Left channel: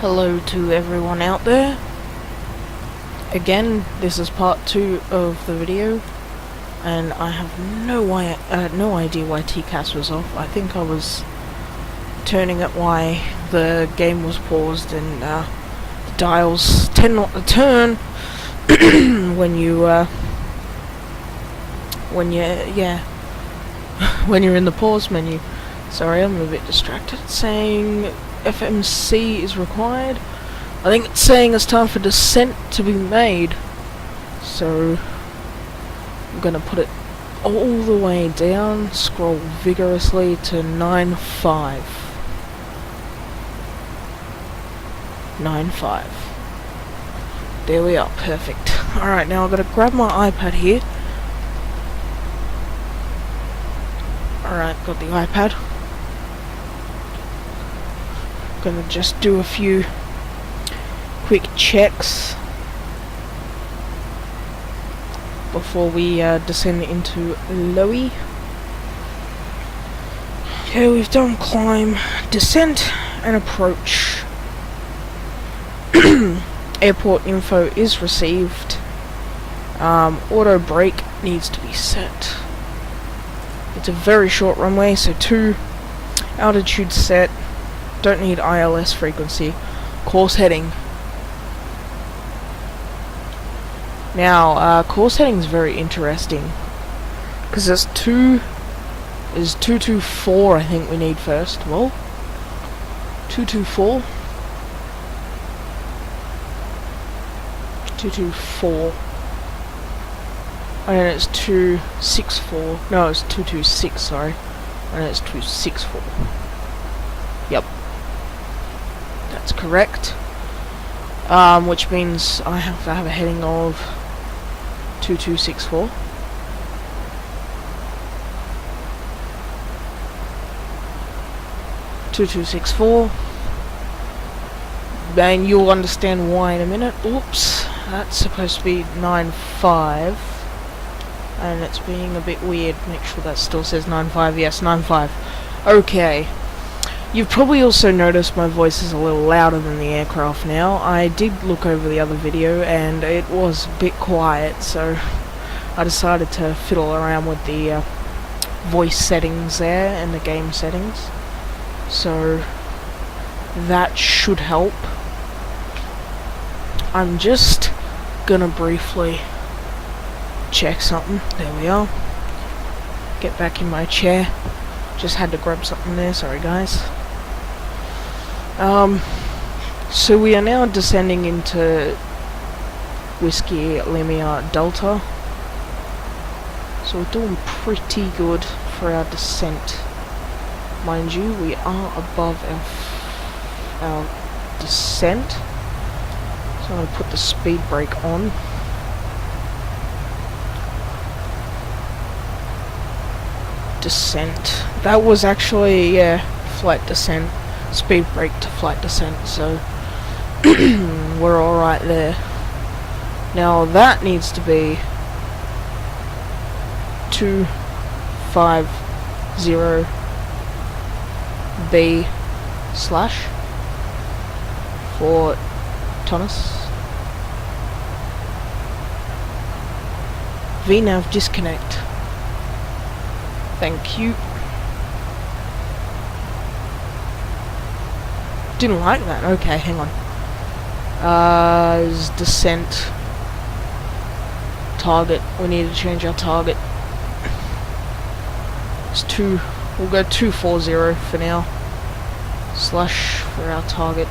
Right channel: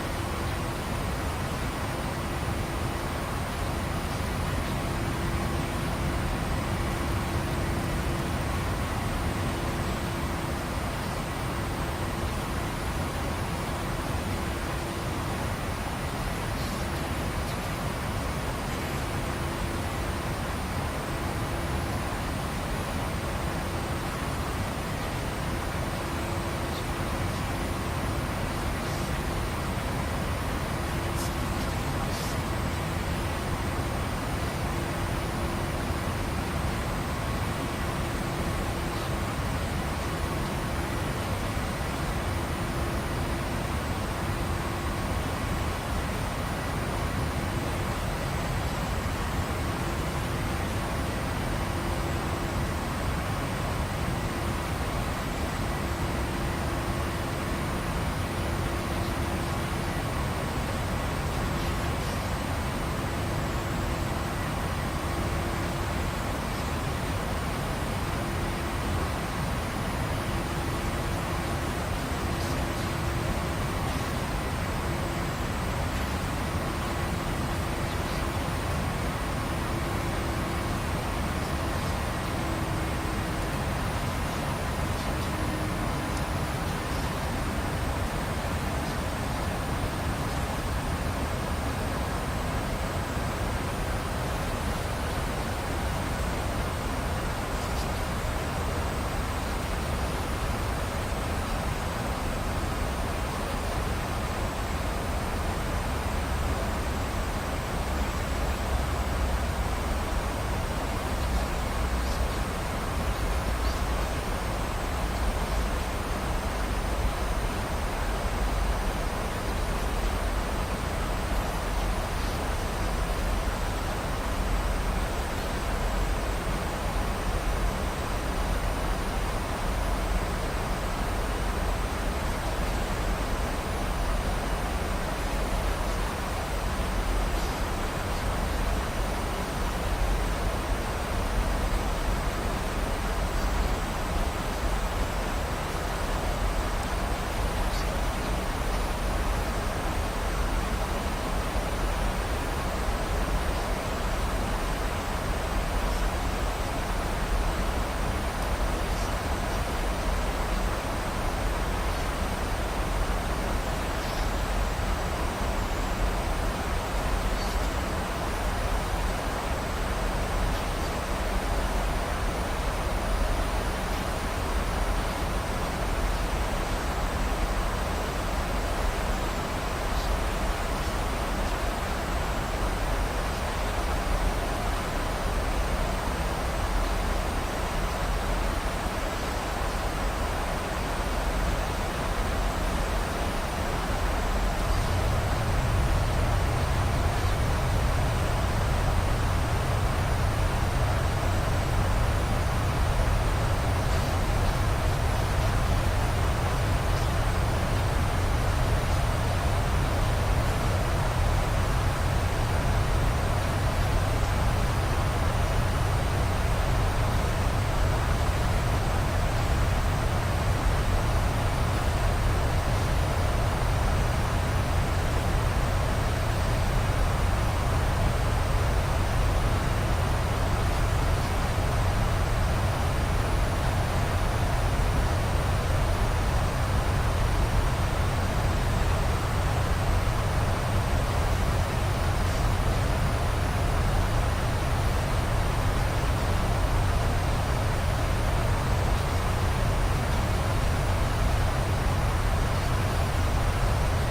Hello to everyone out there. Again, this is part 2 of the video, and I have no idea why TCAS was off. I think I was turning at why the game was paused, and dials tend not to turn when you're in the pause menu. Sorry, I'm a bit distracted. It's saying FMC is required. I think it's saying it's time for descent to be made. So I'm gonna put it all the way down, scroll vigorously to 9.5. 9.5. There we are, perfect. Alright, now I'm gonna grab my iPad here. Alright, got the iPad. Gonna just do a few quick checks before we descend into LOWI. Okay, we've done climb, descent, and approach. Airport info is received. Auto brake needs to be set. It's a very short runway, so 2 altitude set. Don't need ILS frequency. Course heading. Now, course heading is very interesting because there's 224. I think we need first. Well, 224. 224. And it's 264. No, it's 226. Sorry, and it's 264. Yep. That's correct. Which means I have to have a heading of 2264. Then you'll understand why in a minute. Oops, that's supposed to be 9.5, and it's being a bit weird. Make sure that still says 9.5. Yes, 9.5. Okay. You've probably also noticed my voice is a little louder than the aircraft now. I did look over the other video and it was a bit quiet, so I decided to fiddle around with the voice settings there and the game settings. So that should help. I'm just gonna briefly check something. There we are. Get back in my chair. Just had to grab something there, sorry guys. So we are now descending into Whiskey Lima Delta. So we're doing pretty good for our descent. Mind you, we are above our descent. So I'm going to put the speed brake on. Descent. That was actually, yeah, flight descent. Speed brake to flight descent, so we're alright there. Now that needs to be 250B/ for Thomas. VNav disconnect. Thank you. Didn't like that. Okay, hang on. Is descent target. We need to change our target. It's we'll go 240 for now. / for our target.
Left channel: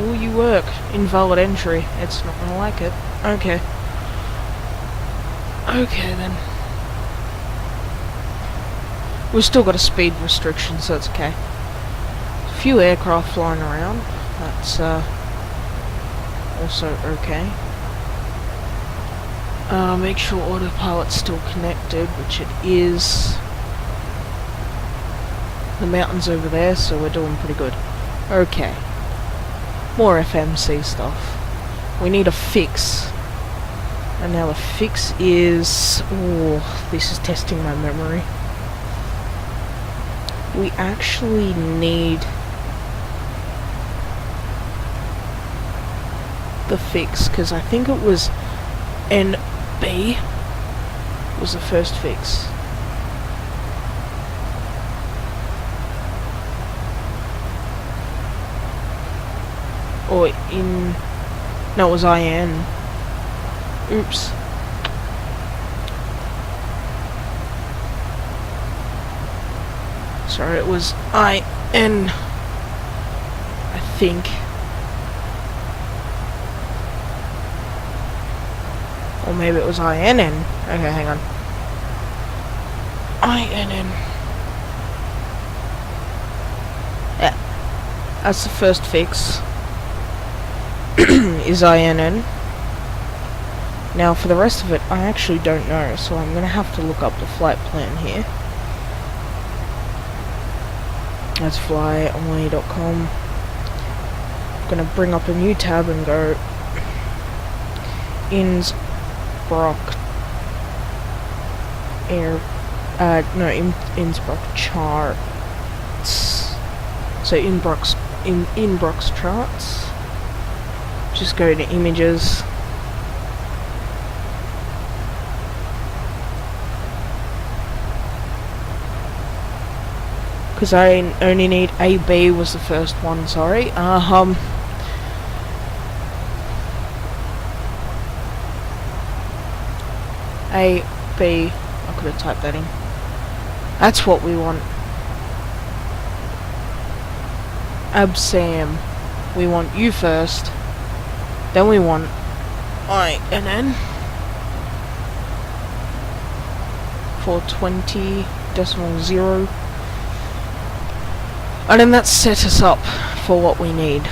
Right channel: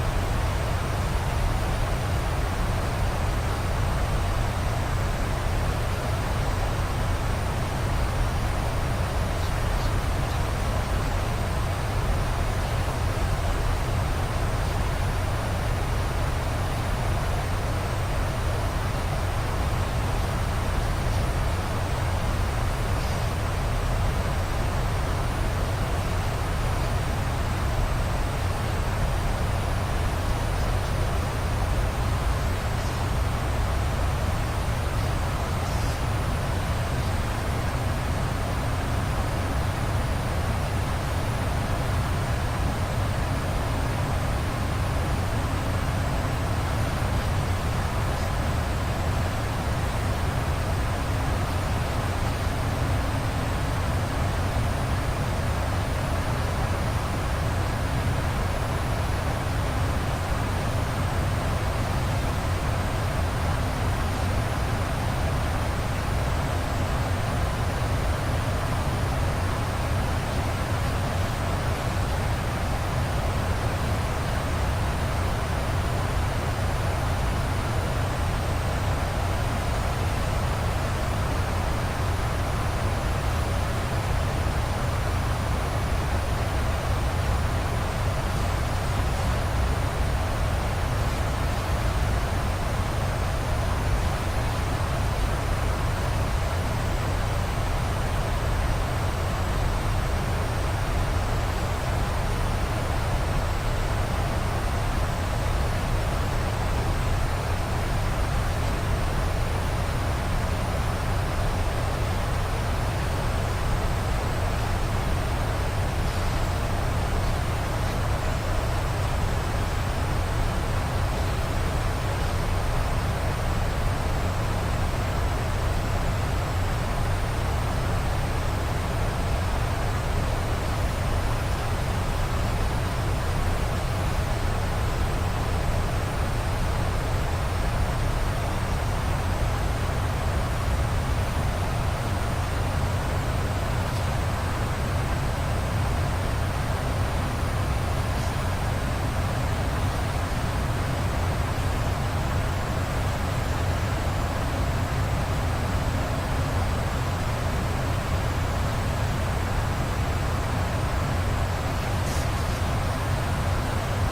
Oh, you work. Invalid entry. It's not gonna like it. Okay. Okay then. We've still got a speed restriction, so it's okay. Few aircraft flying around. That's also okay. Make sure autopilot's still connected, which it is. The mountain's over there, so we're doing pretty good. Okay. More FMC stuff. We need a fix. And now the fix is... oh, this is testing my memory. We actually need the fix, because I think it was NB was the first fix. Or in... No, it was IN. Oops. Sorry, it was IN, I think. Or maybe it was INN. Okay, hang on. INN. Yeah. That's the first fix. Is INN. Now for the rest of it, I actually don't know, so I'm gonna have to look up the flight plan here. That's flyonly.com. Gonna bring up a new tab and go Innsbruck Innsbruck charts. So Innsbruck's charts. Just go to images. Because I only need AB was the first one, sorry. AB, I could have typed that in. That's what we want. Absam. We want you first. Then we want INN. 420.0. And then that set us up for what we need.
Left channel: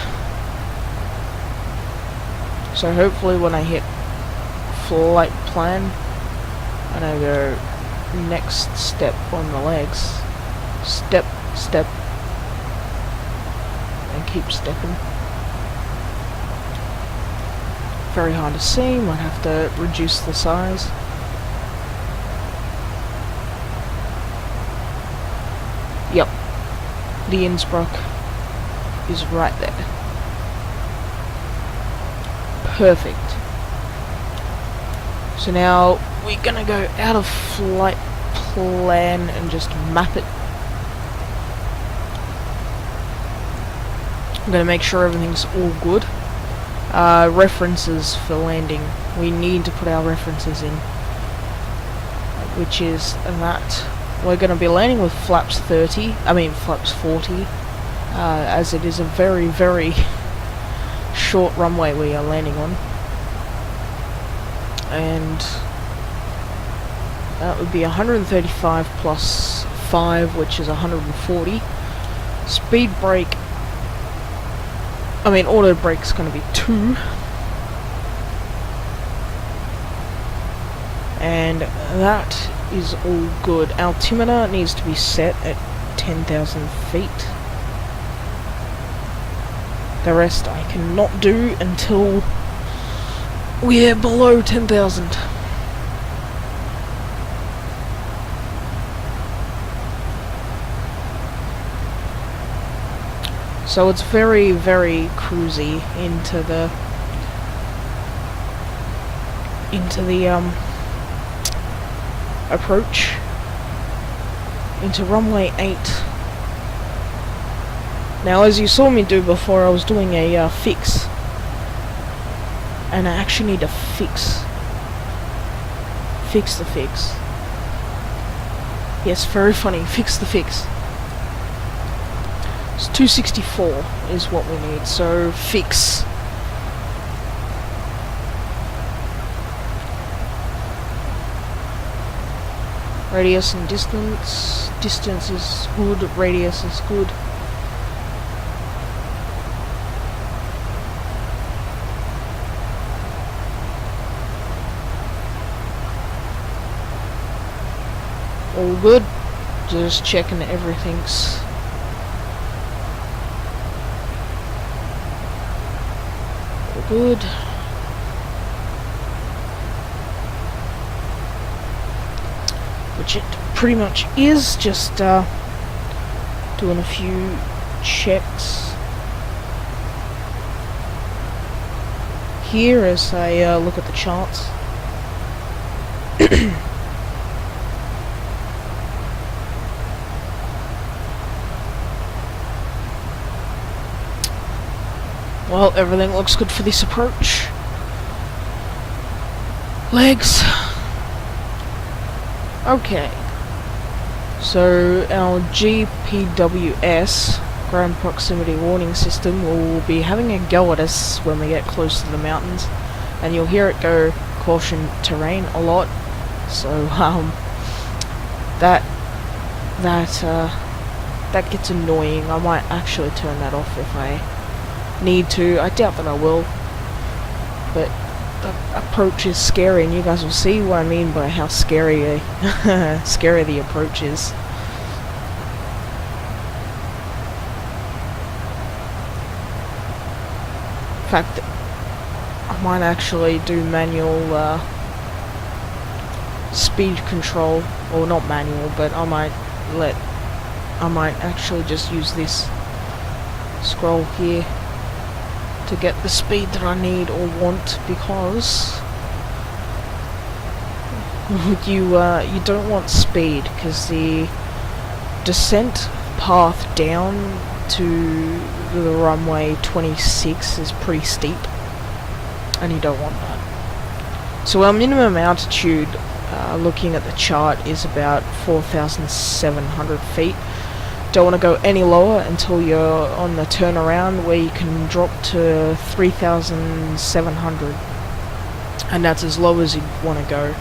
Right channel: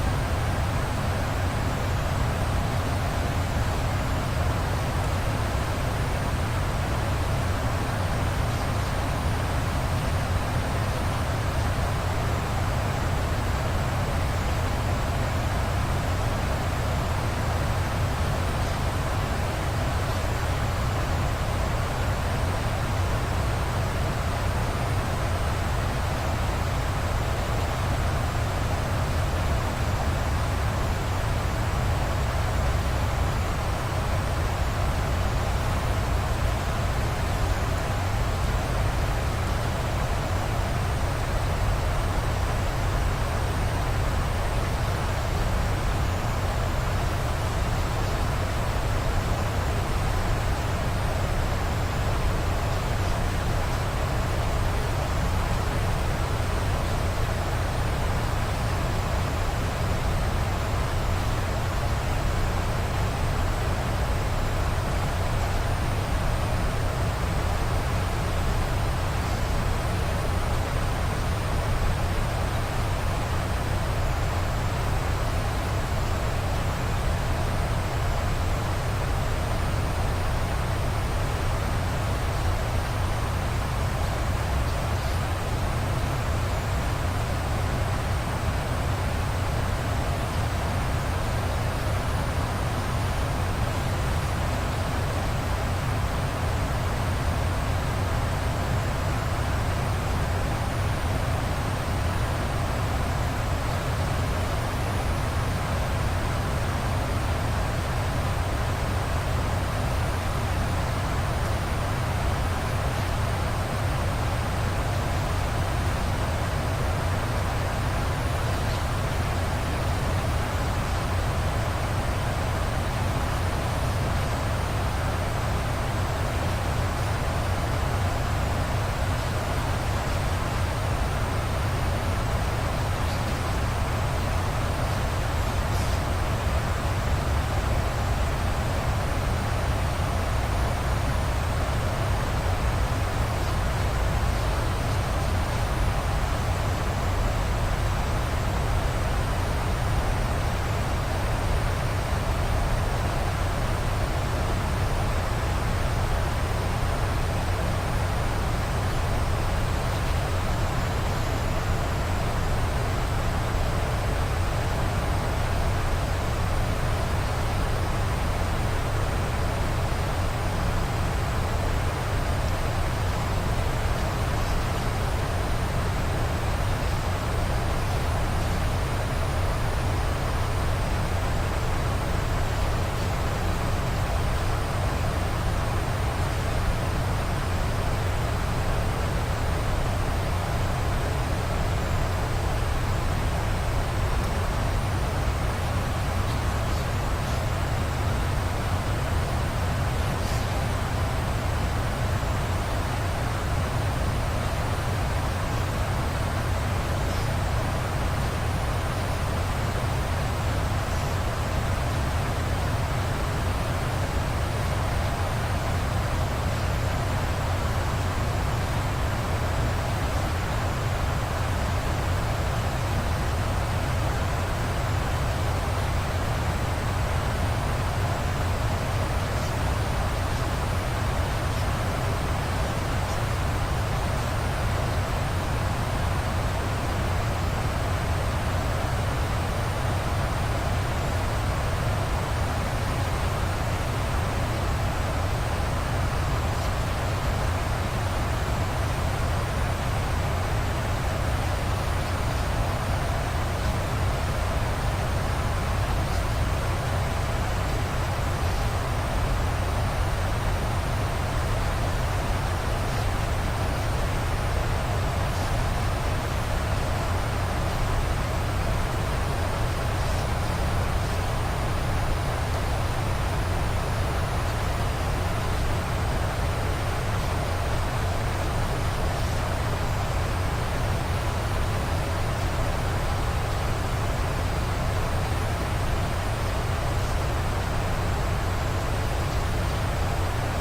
So hopefully when I hit flight plan, and I go next step on the legs, step, I keep stepping. Very hard to see, might have to reduce the size. Yep. The Innsbruck is right there. Perfect. So now we're gonna go out of flight plan and just map it. I'm gonna make sure everything's all good. References for landing. We need to put our references in, which is that. We're going to be landing with flaps 40, as it is a very, very short runway we are landing on. And that would be 135 plus 5, which is 140. Speed brake, auto brake's going to be 2. And that is all good. Altimeter needs to be set at 10,000 feet. The rest I cannot do until we're below 10,000. So it's very, very cruisy into the approach into runway 8. Now, as you saw me do before, I was doing a fix, and I actually need to fix the fix. Yes, very funny. Fix the fix. It's 264 is what we need. So fix. Radius and distance. Distance is good, radius is good. All good. Just checking everything's good. Which it pretty much is, just doing a few checks here as I look at the charts. Well, everything looks good for this approach. Legs. Okay. So our GPWS, ground proximity warning system, will be having a go at us when we get close to the mountains, and you'll hear it go caution terrain a lot. So that gets annoying. I might actually turn that off if I need to. I doubt that I will, but the approach is scary, and you guys will see what I mean by how scary scary the approach is. In fact, I might actually do manual speed control, or not manual, but I might actually just use this scroll here to get the speed that I need or want, because you don't want speed, because the descent path down to the runway 26 is pretty steep, and you don't want that. So our minimum altitude, looking at the chart, is about 4,700 feet. Don't want to go any lower until you're on the turnaround, where you can drop to 3,700, and that's as low as you want to go.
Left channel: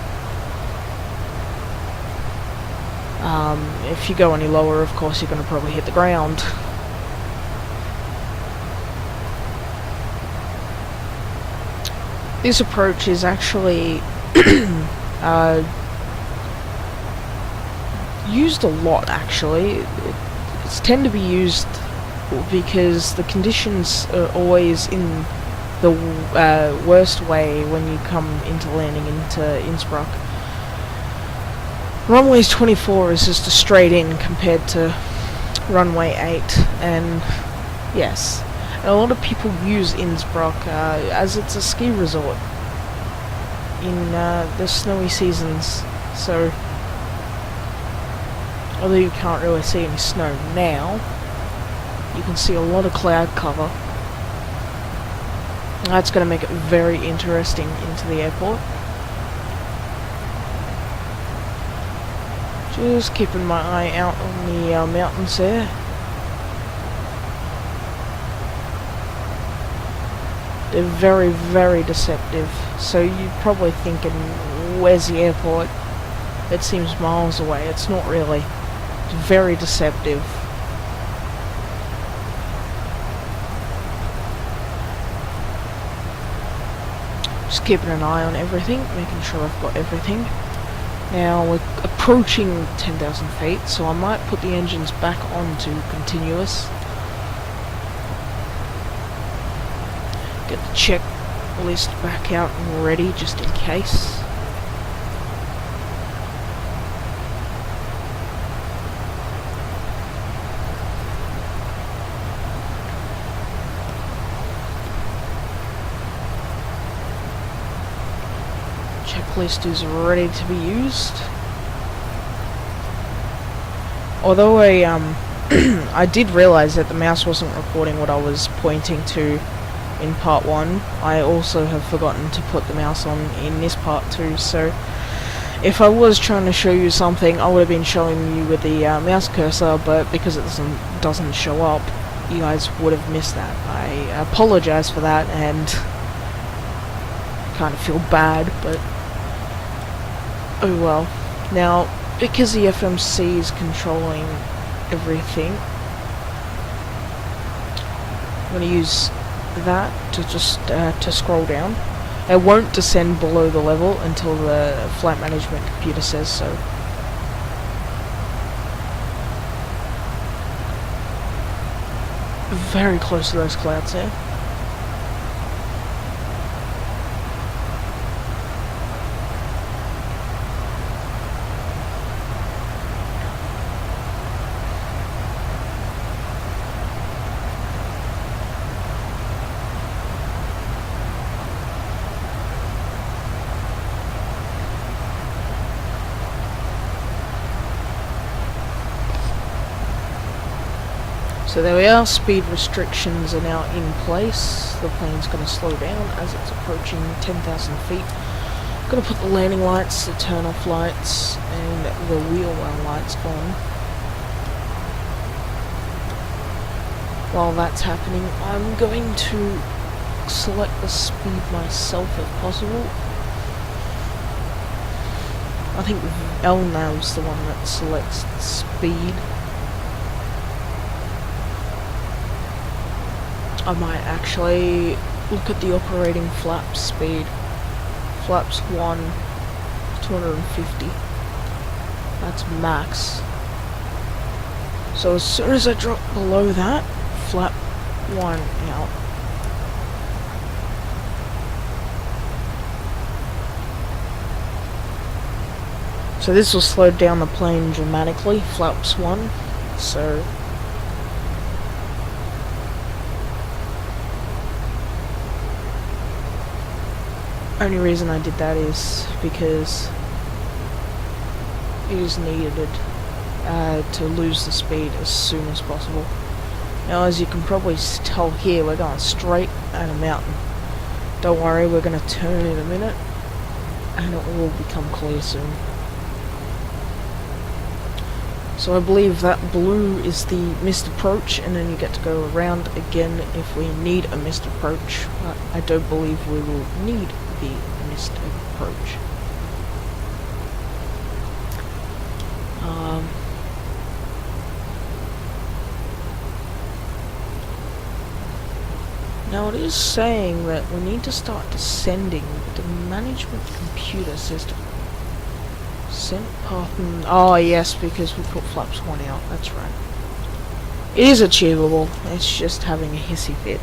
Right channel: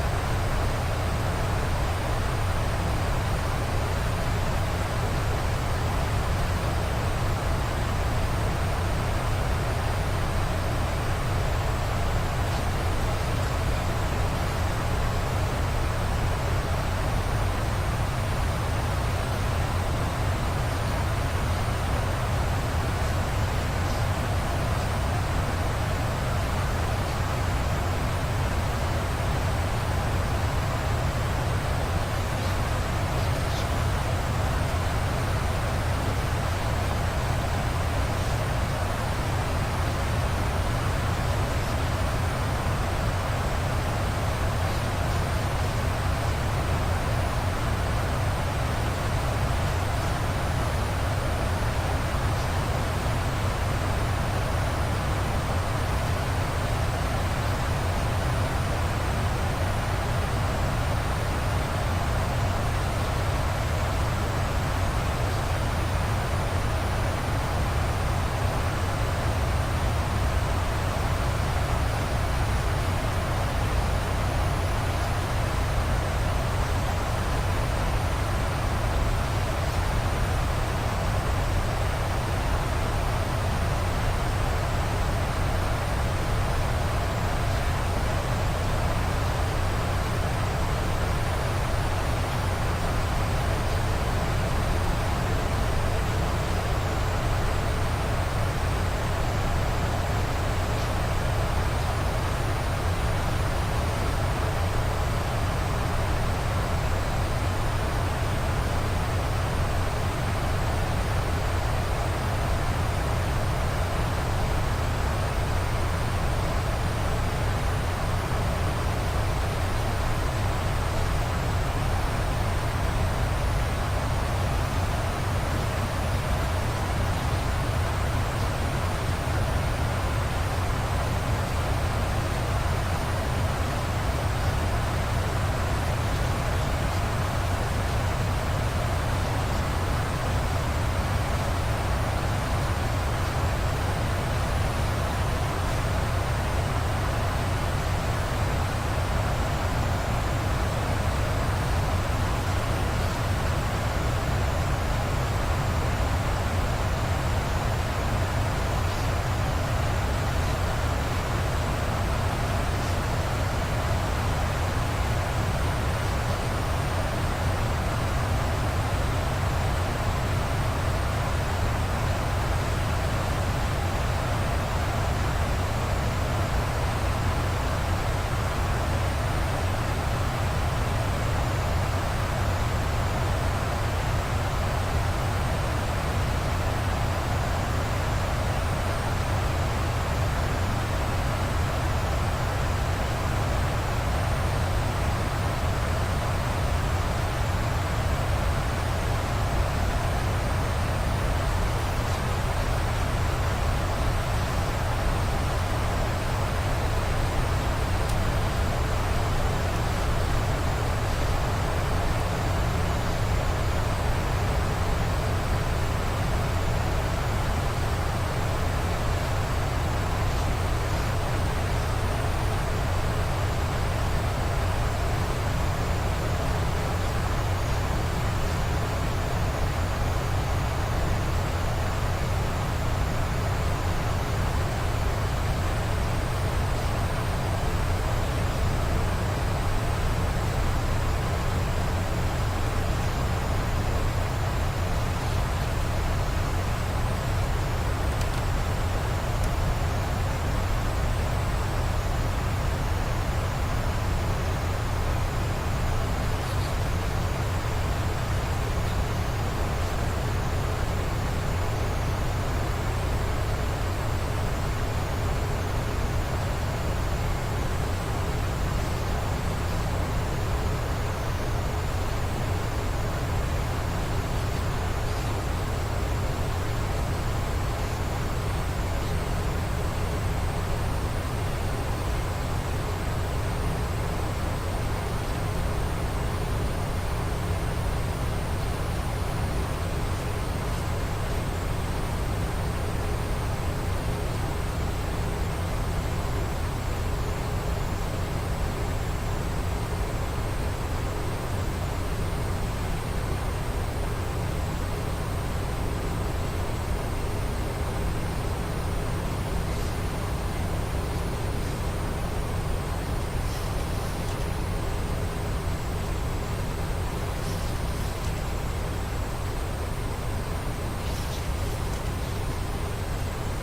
If you go any lower, of course, you're going to probably hit the ground. This approach is actually used a lot, actually. It's tend to be used because the conditions are always in the worst way when you come into landing into Innsbruck. Runway 24 is just a straight in compared to runway 8, and yes, a lot of people use Innsbruck as it's a ski resort in the snowy seasons. So although you can't really see any snow now, you can see a lot of cloud cover. That's going to make it very interesting into the airport. Just keeping my eye out on the mountains there. They're very, very deceptive. So you're probably thinking, where's the airport? It seems miles away. It's not really. Very deceptive. Just keeping an eye on everything, making sure I've got everything. Now we're approaching 10,000 feet, so I might put the engines back onto continuous. Get the checklist back out and ready, just in case. Checklist is ready to be used. Although I did realise that the mouse wasn't recording what I was pointing to in part 1, I also have forgotten to put the mouse on in this part 2, so if I was trying to show you something, I would have been showing you with the mouse cursor, but because it doesn't show up, you guys would have missed that. I apologise for that, and kind of feel bad, but oh well. Now, because the FMC is controlling everything, I'm going to use that to just to scroll down. I won't descend below the level until the flight management computer says so. Very close to those clouds there. So there we are, speed restrictions are now in place. The plane's going to slow down as it's approaching 10,000 feet. Going to put the landing lights, the turn off lights, and the wheel run lights on. While that's happening, I'm going to select the speed myself if possible. I think LNAV's the one that selects the speed. I might actually look at the operating flap speed. Flaps 1, 250. That's max. So as soon as I drop below that, flap 1 out. So this will slow down the plane dramatically, flaps 1. So only reason I did that is because it is needed to lose the speed as soon as possible. Now, as you can probably tell here, we're going straight at a mountain. Don't worry, we're going to turn in a minute and it will become clear soon. So I believe that blue is the missed approach, and then you get to go around again if we need a missed approach. But I don't believe we will need the missed approach. Now it is saying that we need to start descending the management computer system. Descent path and... oh yes, because we put flaps 1 out, that's right. It is achievable, it's just having a hissy fit.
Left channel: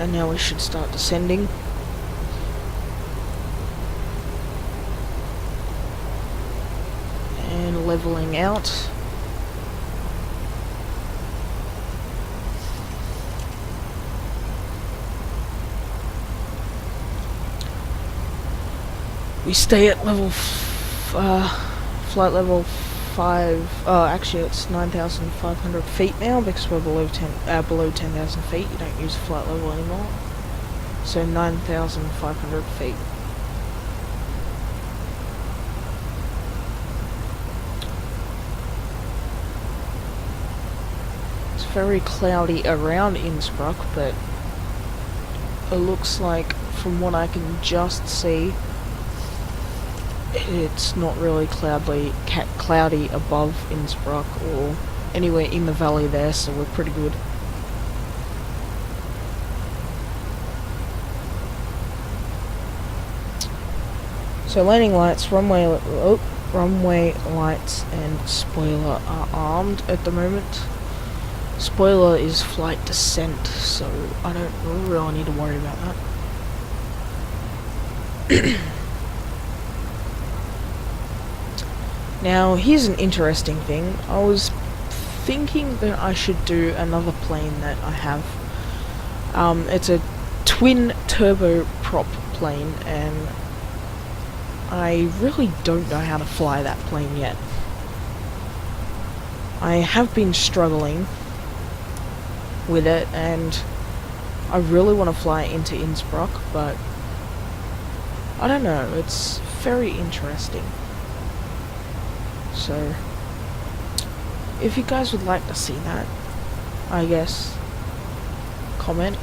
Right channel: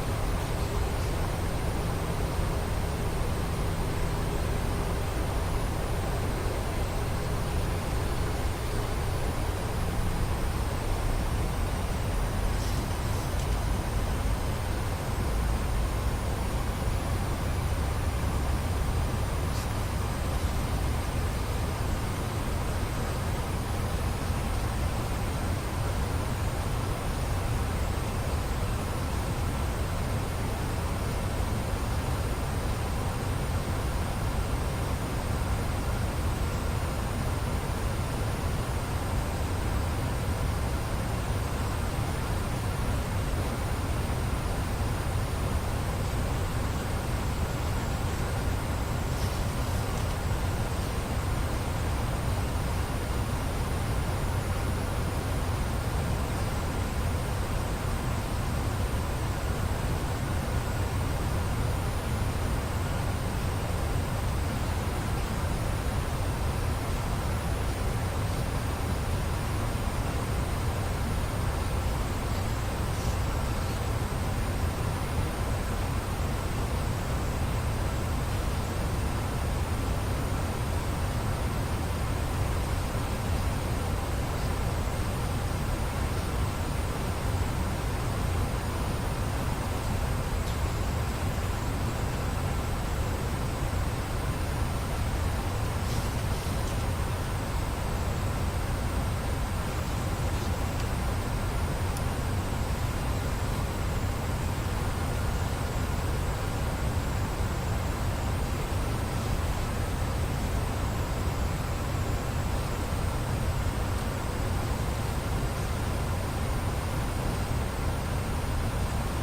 And now we should start descending. And leveling out. We stay at level, flight level 5, actually it's 9,500 feet now because we're below 10,000 feet, you don't use flight level anymore. So 9,500 feet. It's very cloudy around Innsbruck, but it looks like, from what I can just see, it's not really cloudy above Innsbruck or anywhere in the valley there, so we're pretty good. So landing lights, runway lights and spoiler are armed at the moment. Spoiler is flight descent, so I don't really need to worry about that. Now, here's an interesting thing. I was thinking that I should do another plane that I have. It's a twin turboprop plane, and I really don't know how to fly that plane yet. I have been struggling with it, and I really want to fly into Innsbruck, but I don't know, it's very interesting. So, if you guys would like to see that, I guess, comment,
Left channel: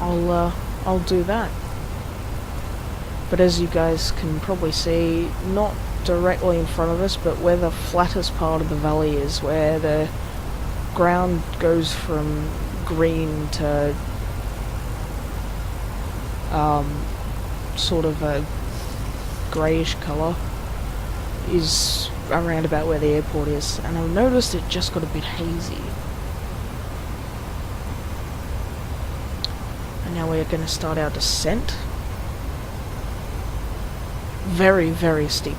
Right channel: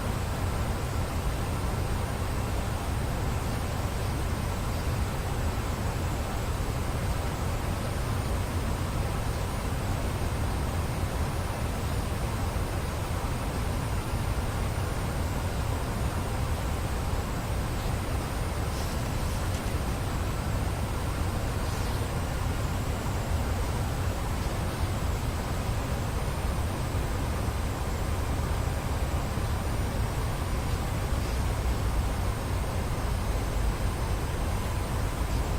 and I'll do that. But as you guys can probably see, not directly in front of us, but where the flattest part of the valley is, where the ground goes from green to sort of a greyish colour, is around about where the airport is, and I noticed it just got a bit hazy. And now we're going to start our descent. Very, very steep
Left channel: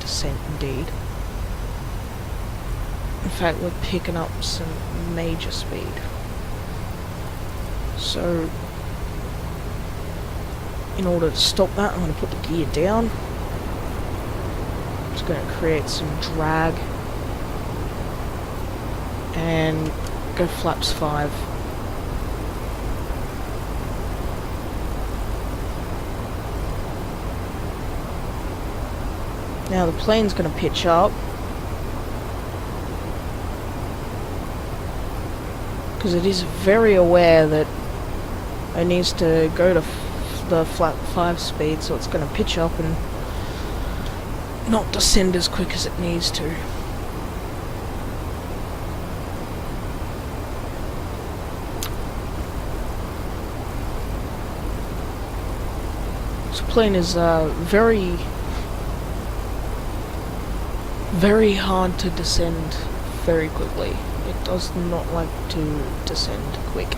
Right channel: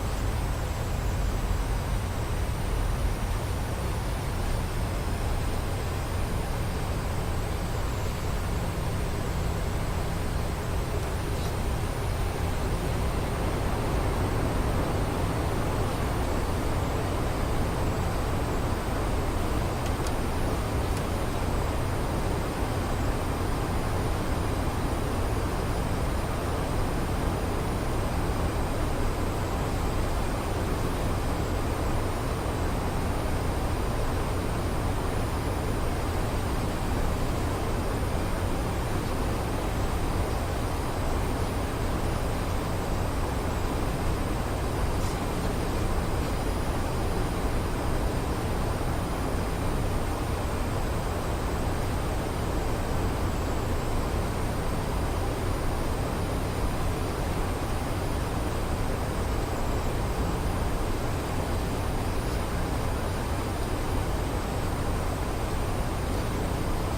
descent indeed. In fact, we're picking up some major speed. So, in order to stop that, I'm going to put the gear down. It's going to create some drag. And go flaps 5. Now the plane's going to pitch up. Because it is very aware that it needs to go to the flap 5 speed, so it's going to pitch up and not descend as quick as it needs to. This plane is very hard to descend very quickly. It does not like to descend quick.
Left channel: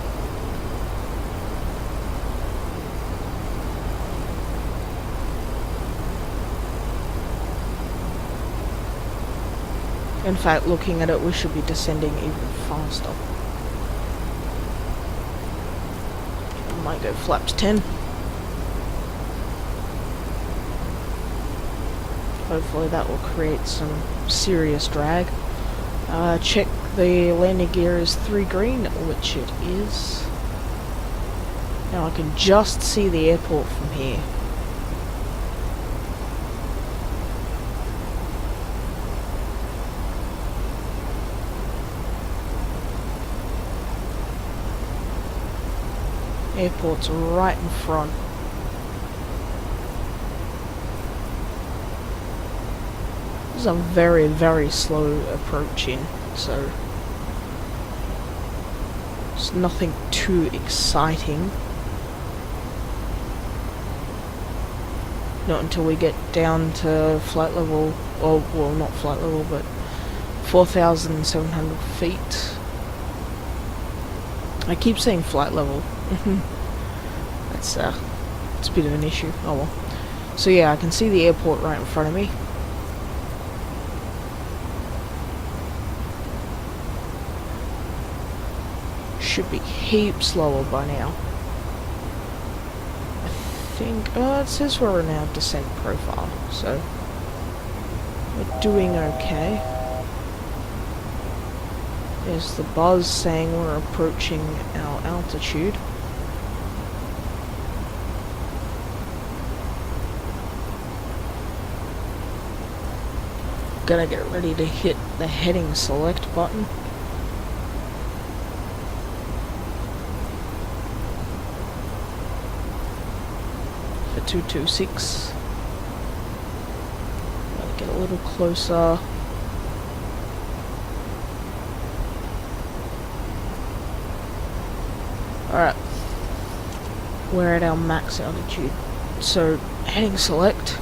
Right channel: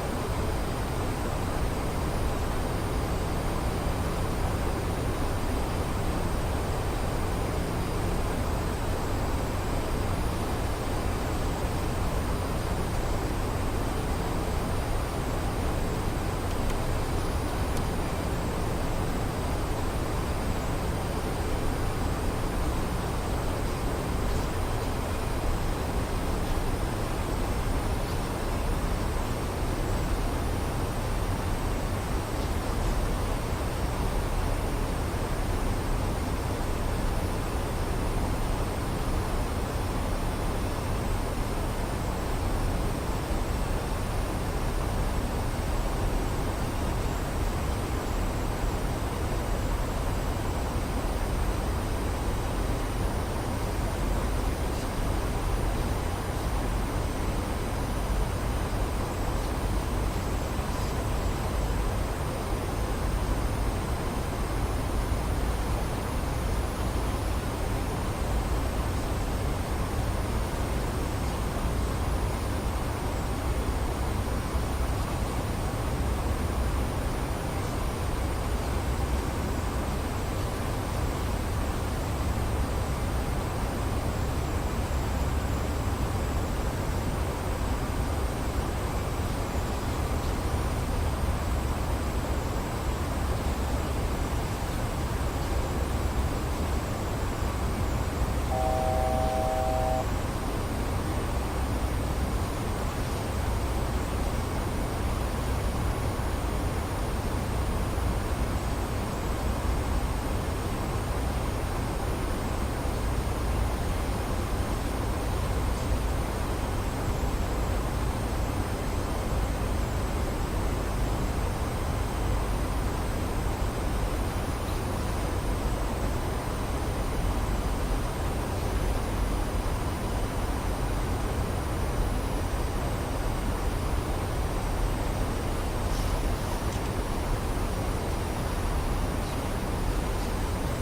In fact, looking at it, we should be descending even faster. Might go flaps 10. Hopefully that will create some serious drag. Check the landing gear is 3 green, which it is. Now I can just see the airport from here. Airport's right in front. This is a very, very slow approaching, so it's nothing too exciting. Not until we get down to flight level, or well, not flight level, but 4,700 feet. I keep saying flight level. It's a bit of an issue. Oh well. So yeah, I can see the airport right in front of me. Should be heaps lower by now. I think, it says we're in our descent profile, so we're doing okay. There's the buzz saying we're approaching our altitude. Gonna get ready to hit the heading select button. The 226. Get a little closer. Alright. We're at our max altitude. So, heading select.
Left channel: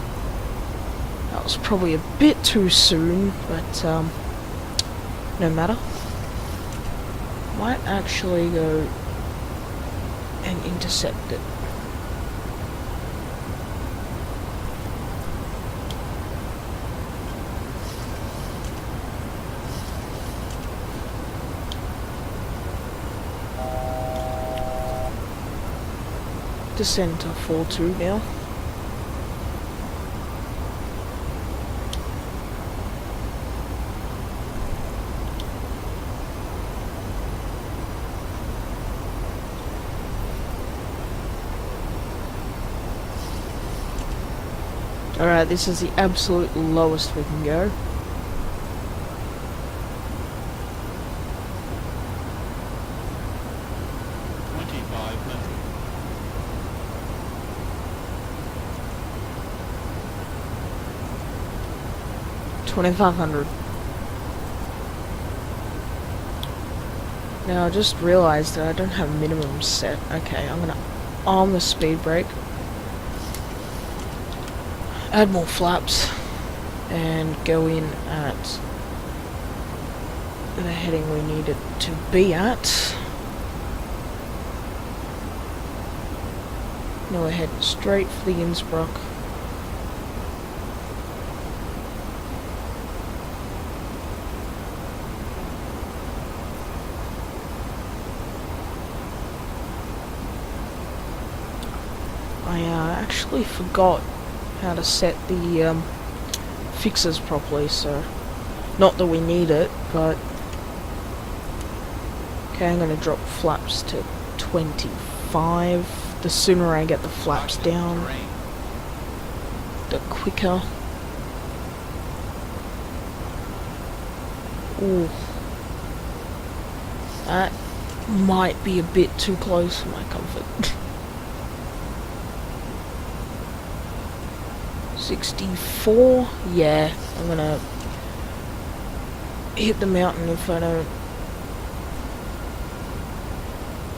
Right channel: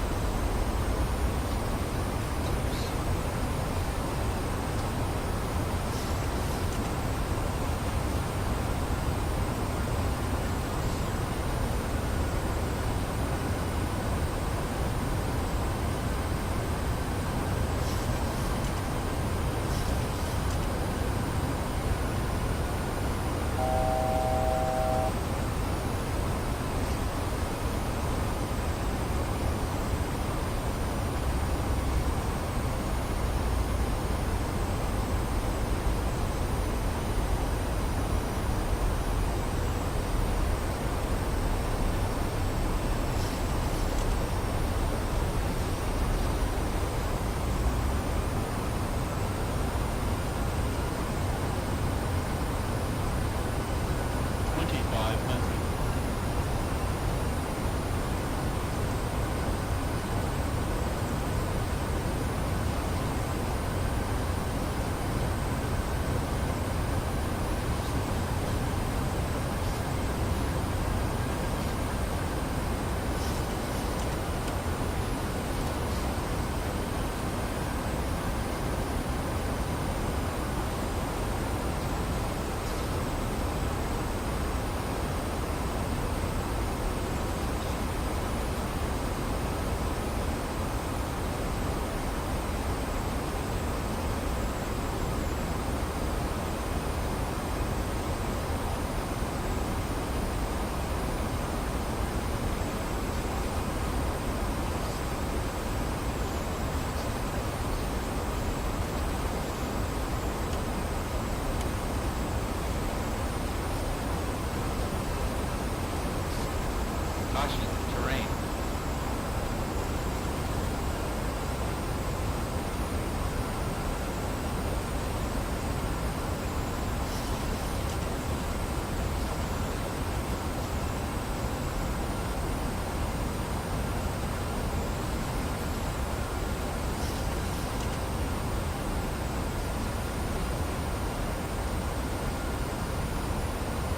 That was probably a bit too soon, but no matter. Might actually go and intercept it. Descend to 4-2 now. Alright, this is the absolute lowest we can go. $2,500. Now I just realised that I don't have minimum set. Okay, I'm gonna arm the speed brake, add more flaps, and go in at the heading we need it to be at. Now we're heading straight for the Innsbruck. actually forgot how to set the fixes properly, so not that we need it, but okay, I'm going to drop flaps to 25. The sooner I get the flaps down, the quicker. Ooh, that might be a bit too close for my comfort. 64, yeah, I'm gonna hit the mountain if I don't.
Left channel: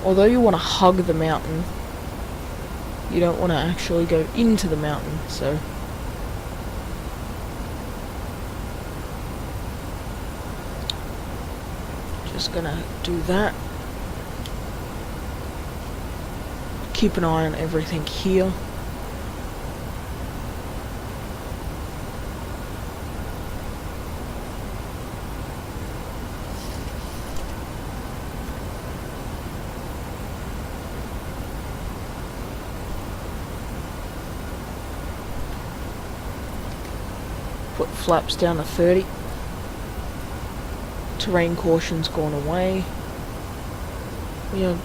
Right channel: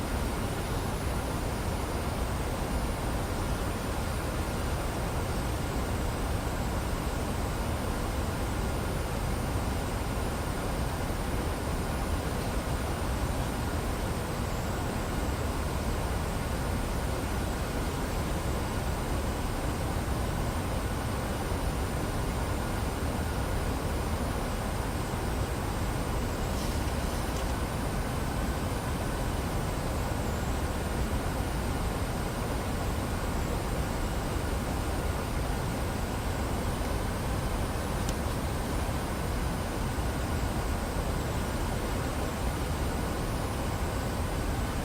Although you want to hug the mountain, you don't want to actually go into the mountain, so. Just gonna do that. Keep an eye on everything here. Put flaps down to 30. Terrain caution's gone away. We are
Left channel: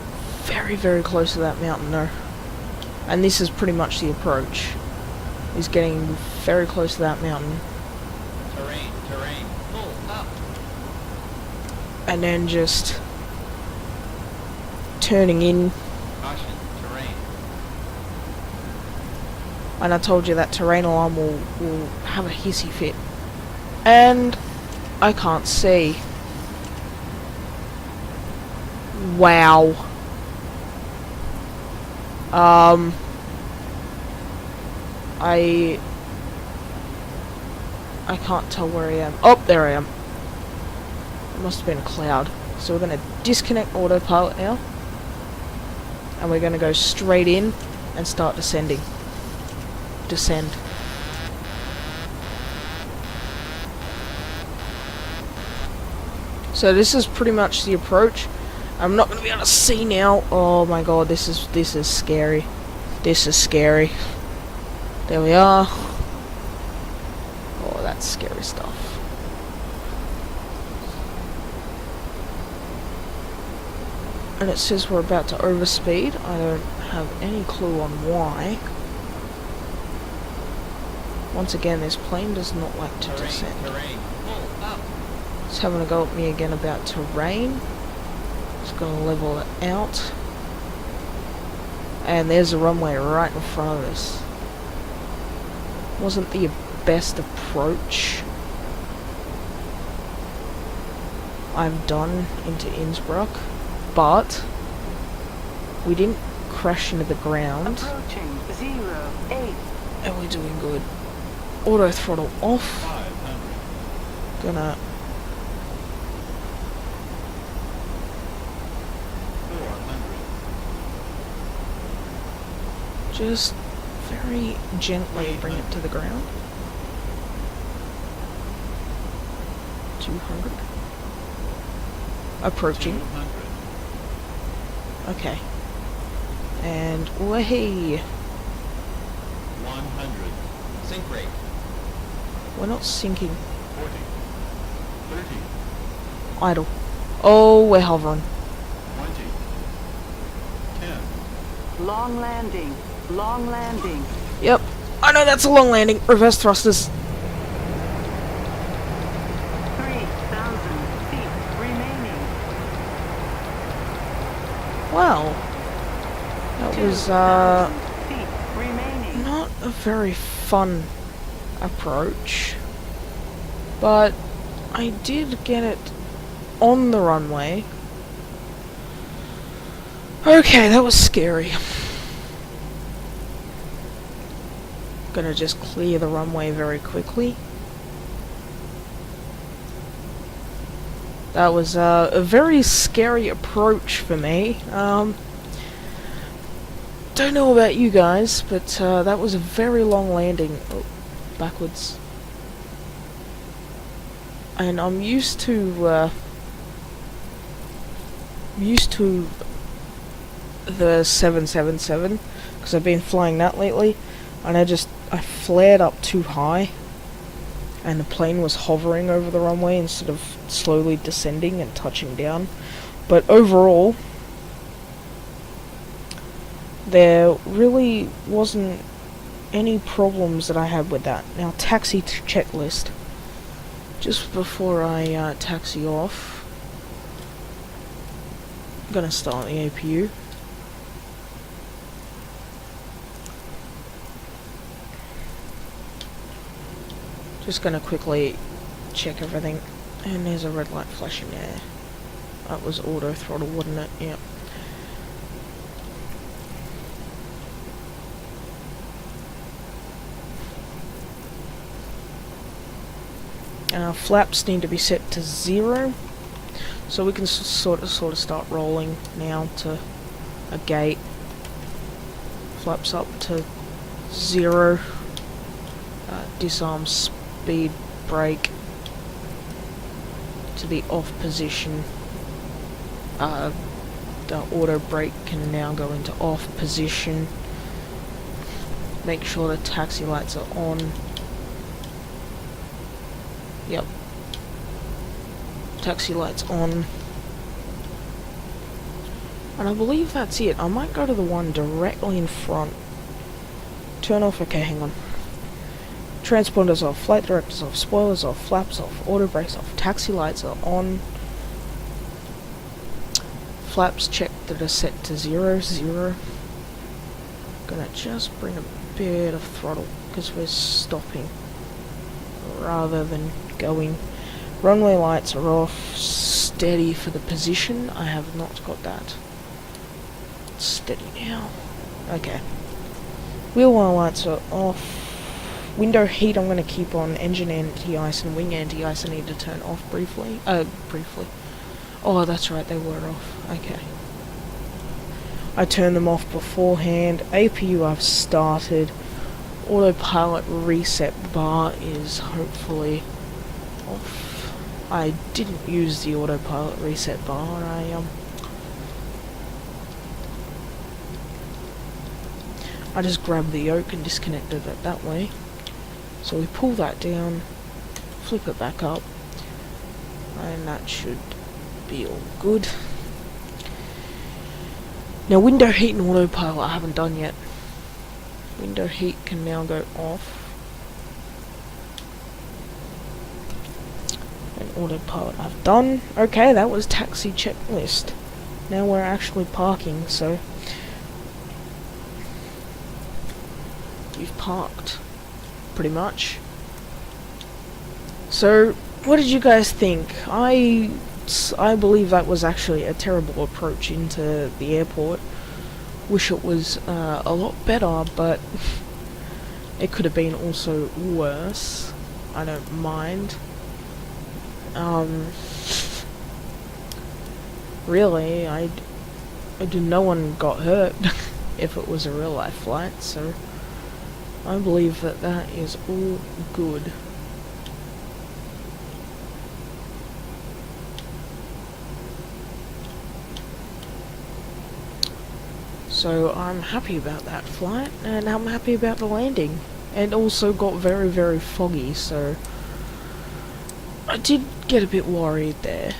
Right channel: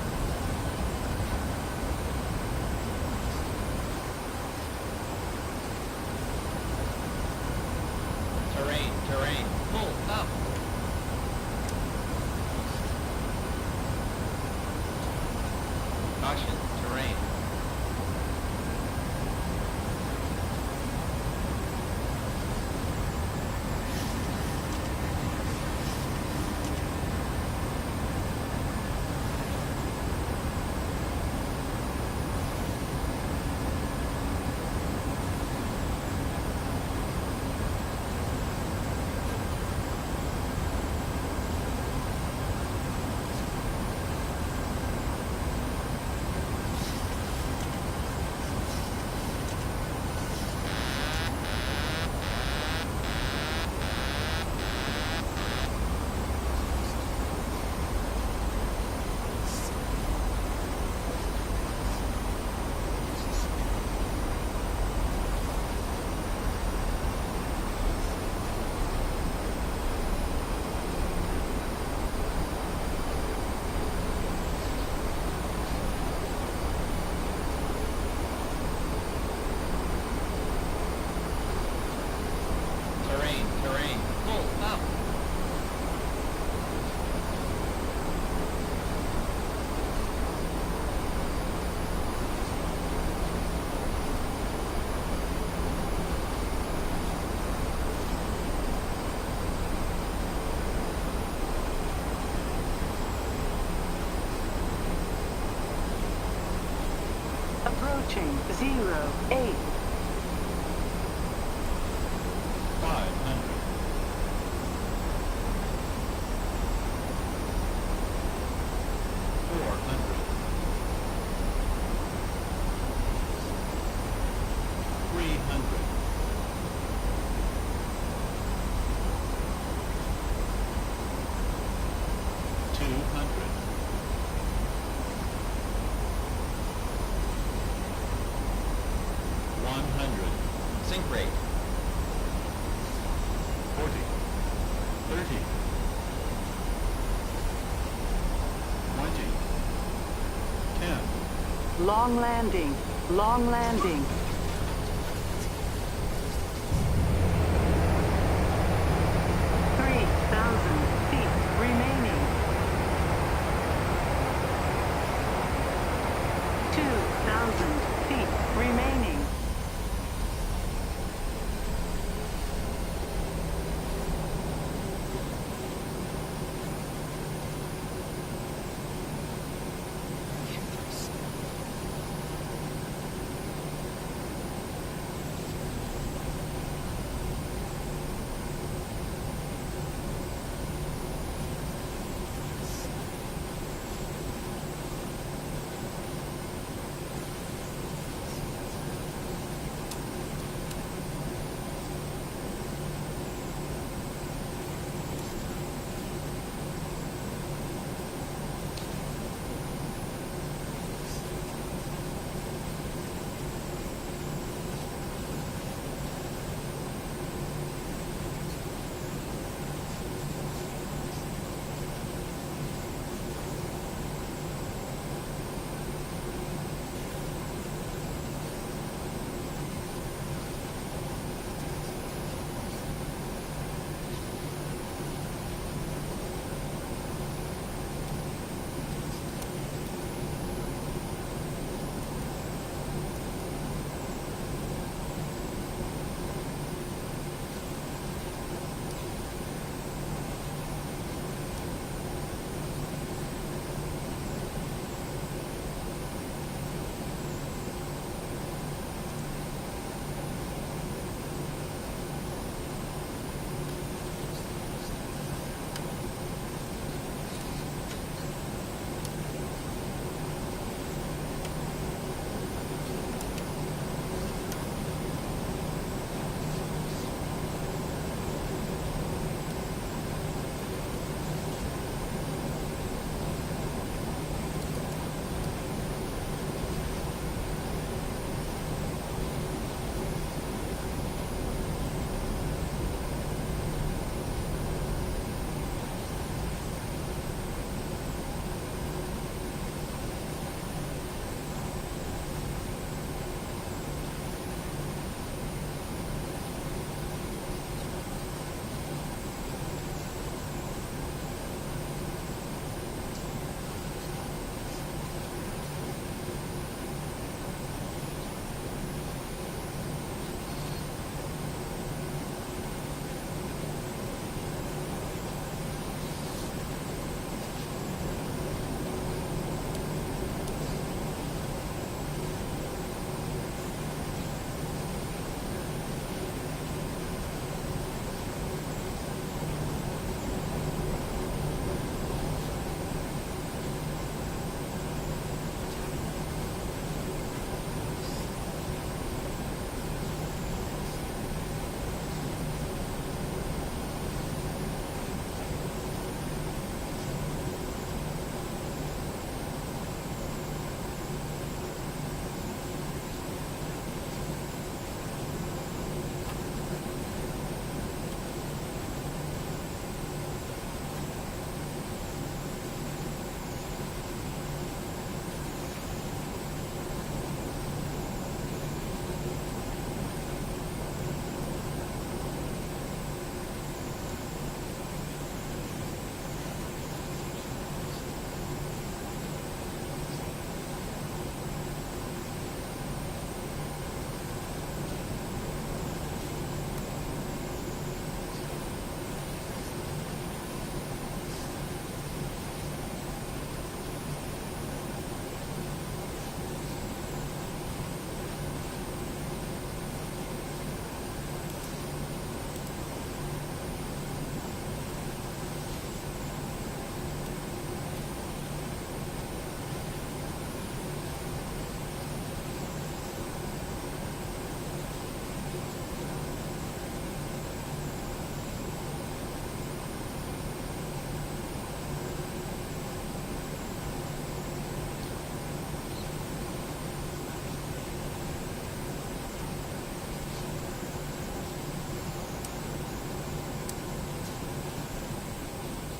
very, very close to that mountain though. And this is pretty much the approach. Is getting very close to that mountain. Terrain, pull up. And then just turning in. Caution, terrain. And I told you that terrain alarm will have a hissy fit. And I can't see. Wow. I can't tell where I am. Oh, there I am. Must have been a cloud. So we're going to disconnect autopilot now. And we're going to go straight in and start descending. Descend. So this is pretty much the approach. I'm not going to be able to see now. Oh my god, this is scary. This is scary. There we are. Oh, that's scary stuff. And it says we're about to overspeed. I don't have any clue on why. Once again, this plane does not like to descend. Terrain, pull up. It's having a go at me again about terrain. Just going to level it out. And there's a runway right in front of us. Wasn't the best approach. I'm done into Innsbruck, but we didn't crash into the ground. Approaching 08. And we're doing good. Auto throttle off. 500. Gonna 400. just very gently bring it to the ground. 200. Approaching. 200. Okay. And way. 100. Sink rate. We're not sinking. 40. 30. Idle. Oh, we're hovering. 20. 10. Long landing. Long landing. Yep. I know that's a long landing. Reverse thrusters. 3,000 feet remaining. Wow. That was 2,000 feet remaining. not a very fun approach. But I did get it on the runway. Okay, that was scary. Gonna just clear the runway very quickly. That was a very scary approach for me. Don't know about you guys, but that was a very long landing. Oh, backwards. And I'm used to the 777 because I've been flying that lately. and I flared up too high, and the plane was hovering over the runway instead of slowly descending and touching down. But overall, there really wasn't any problems that I had with that. Now, taxi checklist. Just before I taxi off, I'm gonna start the APU. Just gonna quickly check everything. And there's a red light flashing there. That was auto throttle, wasn't it? Yeah. Our flaps need to be set to 0, so we can sort of start rolling now to a gate. Flaps up to 0. Disarm speed brake to the off position. The auto brake can now go into off position. Make sure the taxi lights are on. Yep. Taxi lights on. And I believe that's it. I might go to the one directly in front. Turn off, okay, hang on. Transponders off, flight directors off, spoilers off, flaps off, auto brakes off, taxi lights are on. Flaps checked that are set to 0, 0. Gonna just bring a bit of throttle because we're stopping rather than going. Runway lights are off, steady for the position. I have not got that. Steady now. Okay. Wheel well lights are off. Window heat I'm going to keep on. Engine anti-ice and wing anti-ice I need to turn off briefly. Briefly. Oh, that's right, they were off. Okay. I turned them off beforehand. APU I've started. Autopilot reset bar is hopefully off. I didn't use the autopilot reset bar. I just grabbed the yoke and disconnected it that way. So we pull that down, flip it back up, and that should be all good. Now window heat and autopilot I haven't done yet. Window heat can now go off. And autopilot I've done. Okay, that was taxi checklist. Now we're actually parking, so you've parked, pretty much. So, what did you guys think? I believe that was actually a terrible approach into the airport. Wish it was a lot better, but it could have been also worse. I don't mind. Really, no one got hurt if it was a real life flight, so I believe that that is all good. So I'm happy about that flight, and I'm happy about the landing. It also got very, very foggy, so I did get a bit worried there.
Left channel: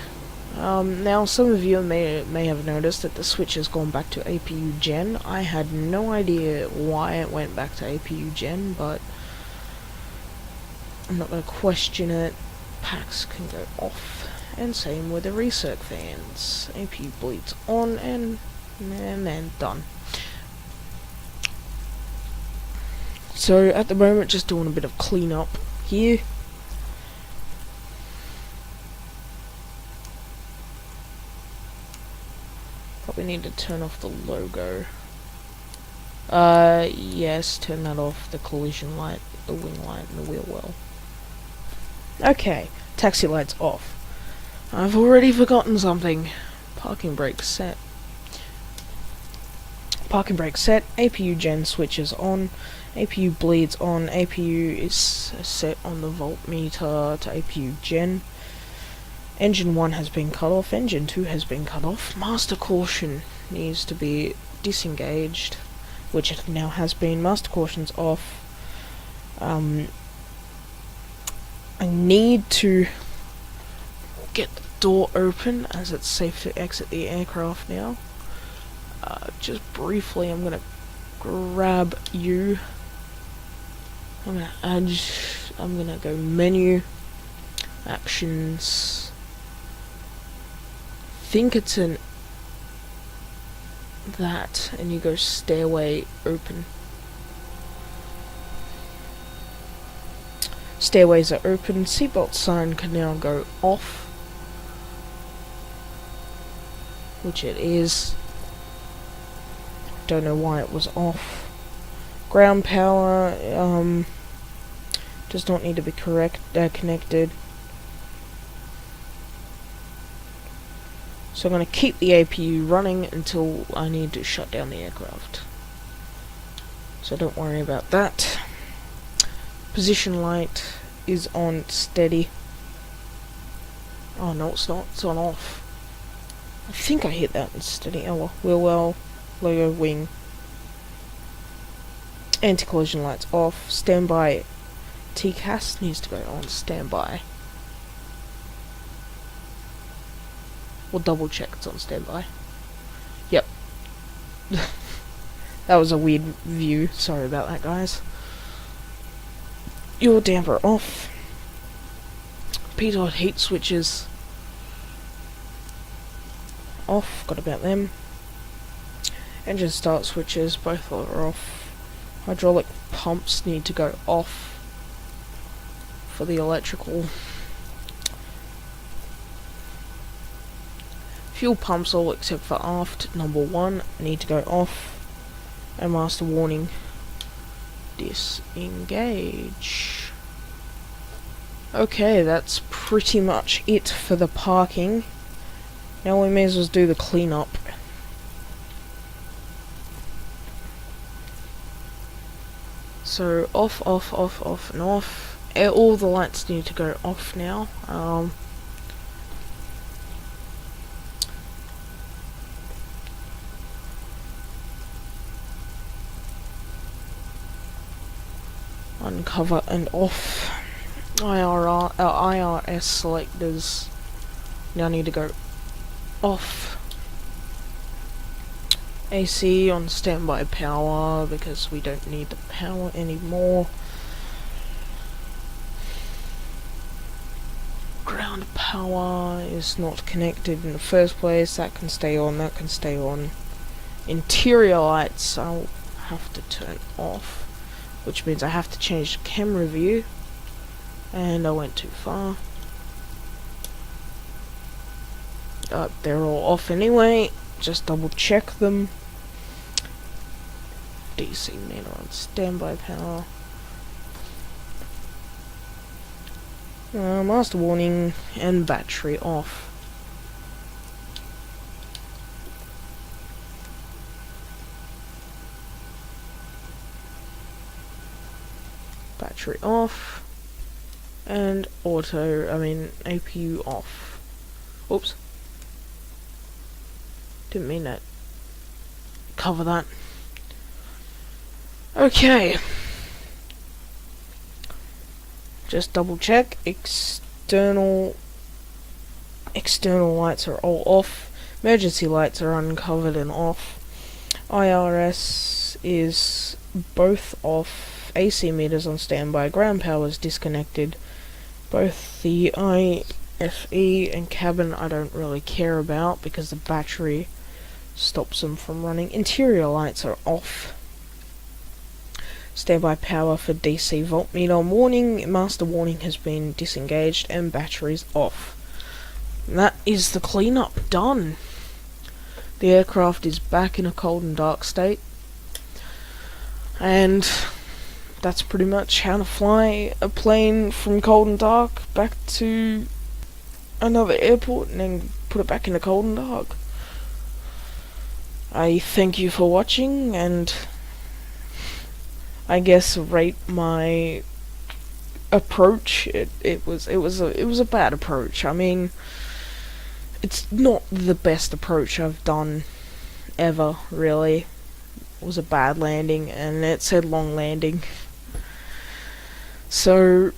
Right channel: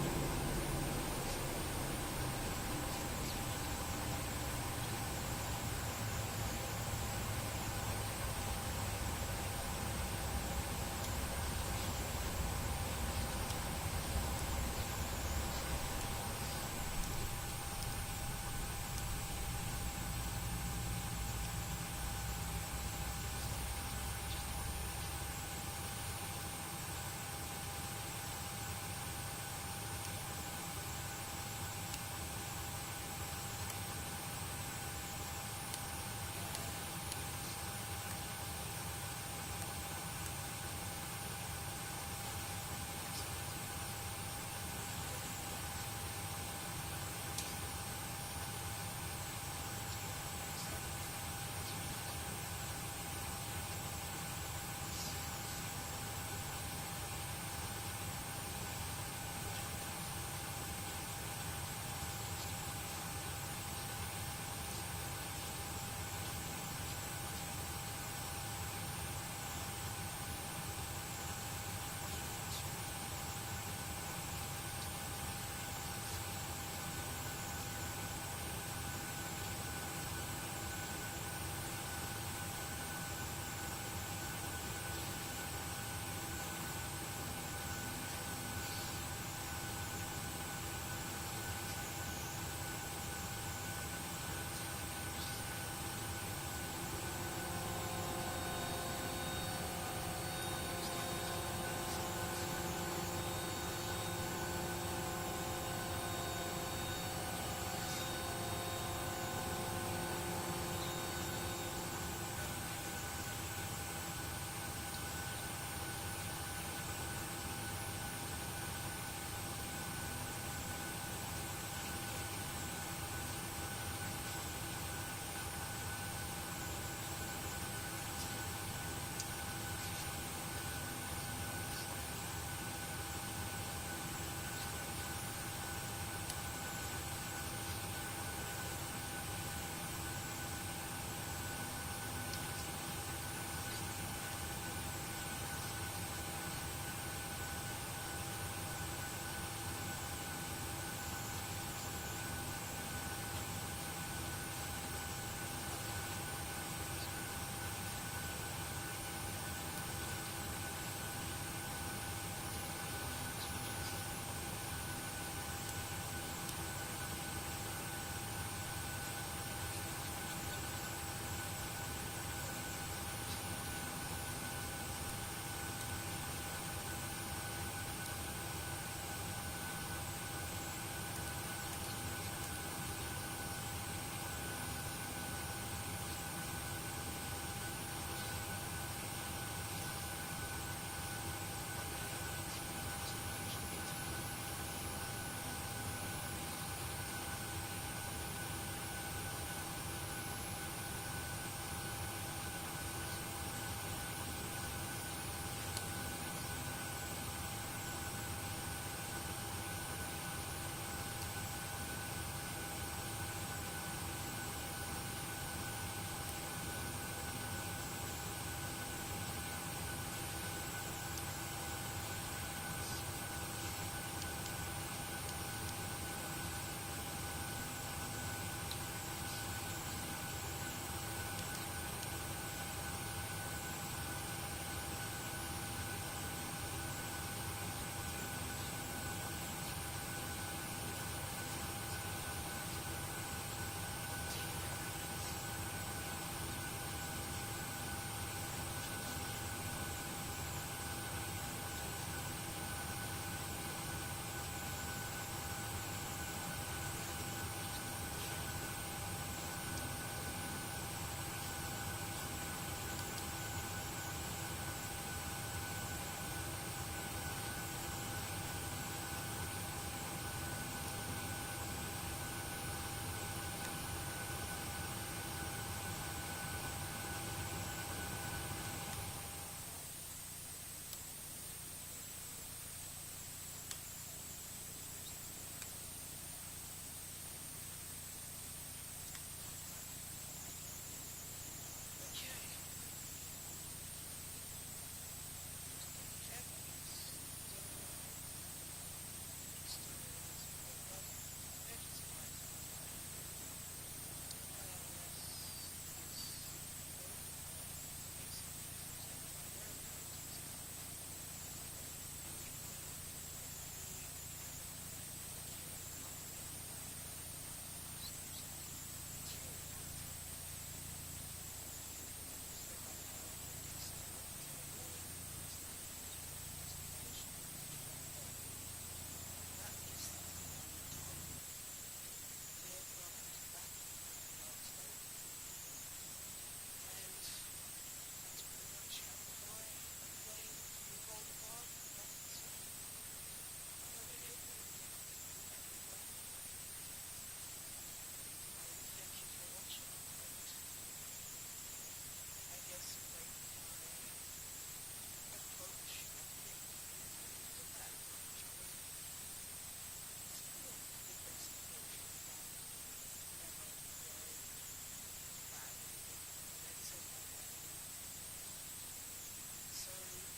Now some of you may have noticed that the switch has gone back to APU Gen. I had no idea why it went back to APU Gen, but I'm not going to question it. Packs can go off, and same with the reset fans. APU bleeds on, and then done. So at the moment, just doing a bit of cleanup here. Probably need to turn off the logo. Yes, turn that off. The collision light, the wing light, and the wheel well. Okay, taxi lights off. I've already forgotten something. Parking brake set. Parking brake set, APU Gen switches on, APU bleeds on, APU is set on the voltmeter to APU Gen. Engine 1 has been cut off, Engine 2 has been cut off, master caution needs to be disengaged, which it now has been. Master caution's off. I need to get the door open as it's safe to exit the aircraft now. Just briefly, I'm gonna grab you. I'm gonna go menu, actions. Think it's an that, and you go stairway open. Stairways are open. Seatbelt sign can now go off, which it is. Don't know why it was off. Ground power does not need to be connected. So I'm going to keep the APU running until I need to shut down the aircraft. So don't worry about that. Position light is on steady. Oh no, it's not. It's on off. I think I hit that in steady. Oh well. Wheel well. Logo wing. Anti-collision lights off. Standby. TCAS needs to go on standby. We'll double check it's on standby. Yep. That was a weird view. Sorry about that, guys. Your damper off. Pitot heat switches off. Got about them. Engine start switches, both are off. Hydraulic pumps need to go off for the electrical. Fuel pumps, all except for aft, number 1, need to go off. And master warning, disengage. Okay, that's pretty much it for the parking. Now we may as well do the cleanup. So off, off, off, off, and off. All the lights need to go off now. Uncover and off. IRS selectors now need to go off. AC on standby power because we don't need the power anymore. Ground power is not connected in the first place. That can stay on, that can stay on. Interior lights I'll have to turn off, which means I have to change the camera view, and I went too far. They're all off anyway, just double check them. DC meter on standby power. Master warning and battery off. Battery off. And APU off. Oops. Didn't mean that. Cover that. Okay. Just double check. External lights are all off. Emergency lights are uncovered and off. IRS is both off. AC meters on standby. Ground power is disconnected. Both the IFE and cabin I don't really care about because the battery stops them from running. Interior lights are off. Standby power for DC voltmeter warning. Master warning has been disengaged and batteries off. And that is the cleanup done. The aircraft is back in a cold and dark state. And that's pretty much how to fly a plane from cold and dark back to another airport and then put it back into cold and dark. I thank you for watching, and I guess rate my approach. It was a bad approach. I mean, it's not the best approach I've done ever, really. was a bad landing, and it said long landing. So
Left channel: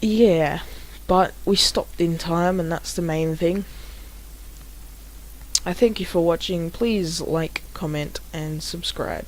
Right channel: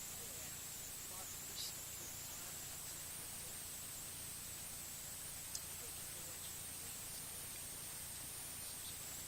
yeah, but we stopped in time, and that's the main thing. I thank you for watching. Please like, comment, and subscribe.